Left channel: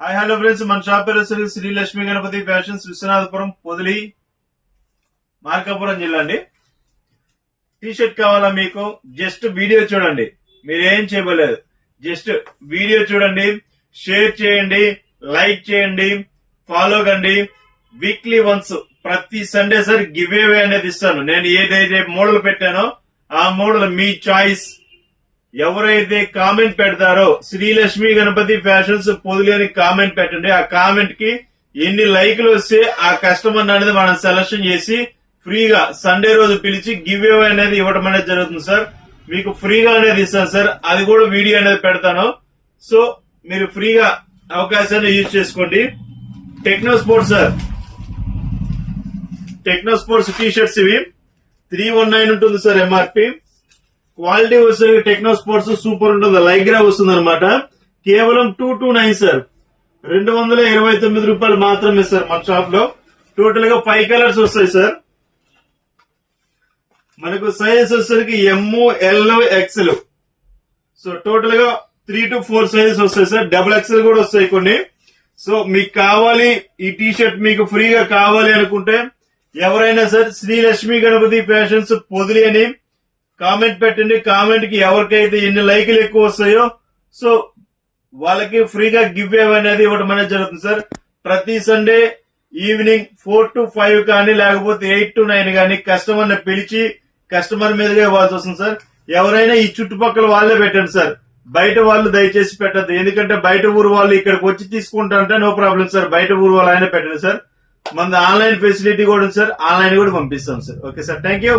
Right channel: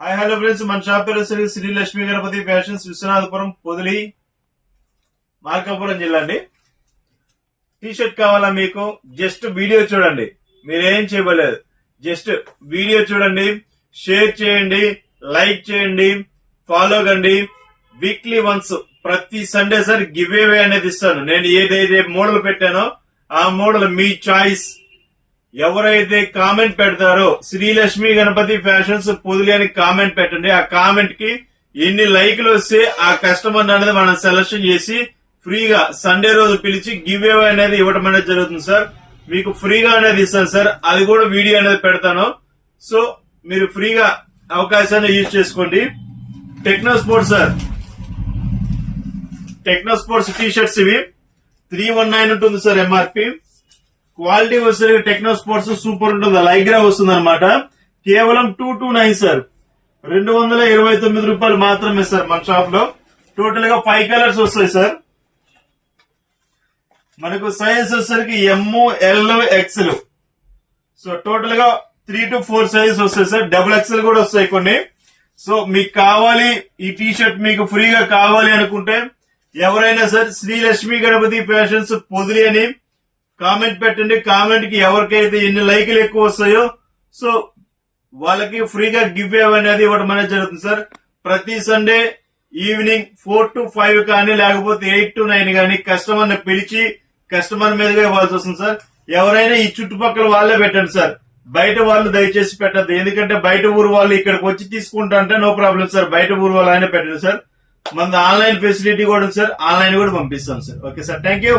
Hi hello friends, మన shop పేరు Shri Lakshmi Ganapati fashions, Viswanathapuram, Podili, Markapuram జిల్లా అండి. టీ షర్ట్ కావాలా మీకు? జస్ట్ వీడియో చూడండి, మీరేం చేయలేదు. జస్ట్ వీడియో చూడండి, షేర్ చేయండి, లైక్ చేయండి, ఫాలో కండి. వీక్లీ వన్స్ ప్రతి సండే సార్ గివ్ అవే అనేది ఇస్తాను. నేను ఏదైతే మోడల్ పెట్టానో ఆ మోడల్ మీ చాయిస్. ఎవరైతే కామెంట్ పెడతారో శ్రీలక్ష్మి గణపతి ఫ్యాషన్స్ పొదిలి అని కామెంట్ పెట్టండి. ఆ కామెంట్ కి ఎన్ని లైక్లు వస్తే ఆ కస్టమర్ అనేది మనం సెలక్షన్ చేసి ఫ్రీగా సండే రోజు పిలిచి గివ్ అవే అనేది ఇవ్వడం అనేది జరుగుతుంది సార్. మీకు ఫ్రీగా అనేది ఇస్తాను సార్, అది కూడా వీడియో అనేది పెడతాను. సో మీరు ఫ్రీగా అవకాశాన్ని యూజ్ చేసుకోండి. Techno sports sir, techno sports T shirts ఇవి 319 ఉంటుంది సార్ ఎంఆర్పి. క్వాలిటీ వస్తుంది. టెక్నో స్పోర్ట్స్ సూపర్ ఉంటుంది, లైగ్రా వస్తుంది అనమాట. కేవలం 229 సార్, 229 రూపాయలు మాత్రమే సార్ మన షాప్ లో. టోటల్ గా 5 కలర్స్ వస్తాయి సార్. మనకు సైజెస్ వచ్చేసరికి ఎమ్, ఎల్, ఎక్స్ఎల్. సో టోటల్ గా 3 to 4 సైజెస్ వస్తాయి సార్. డబుల్ ఎక్స్ఎల్ కూడా వస్తాయి కొన్ని. సో మీకు కావాలి ఈ టీ షర్ట్, మీకు ఫ్రీగా కావాలి అనుకుంటే ఎవరైనా సార్ శ్రీలక్ష్మి గణపతి ఫ్యాషన్స్ పొదిలి అని కామెంట్ పెట్టండి. కామెంట్ కి ఎవరికైతే ఎన్ని లైకులు ఎక్కువ వస్తాయో సో వాళ్ళకి ఫ్రీగా గివ్ అవే అనేది ఇవ్వడం అనేది జరుగుతుంది సార్. ప్రతి సండే ఈవినింగ్ 4 to 5 కానీ లేకపోతే 8 to 9 కానీ కస్టమర్ ని పిలిచి కస్టమర్ మీదుగా ఇవ్వాల్సి వస్తుంది సార్. ఎవరైనా ఈ చుట్టుపక్కల వాళ్ళే పెట్టండి సార్, బయట వాళ్ళు దయచేసి పెట్టద్దు. ఎందుకంటే బయట ఊరు వాళ్ళు ఇక్కడికి వచ్చి తీసుకుంటా అంటే నో ప్రాబ్లం సార్, బయట ఊరు వాళ్ళు ఆయన పెట్టండి సార్. మన ఆన్లైన్ ఫెసిలిటీ కూడా ఉంది సార్, ఆన్లైన్ కూడా పంపిస్తాం sir. Okay sir, thank you.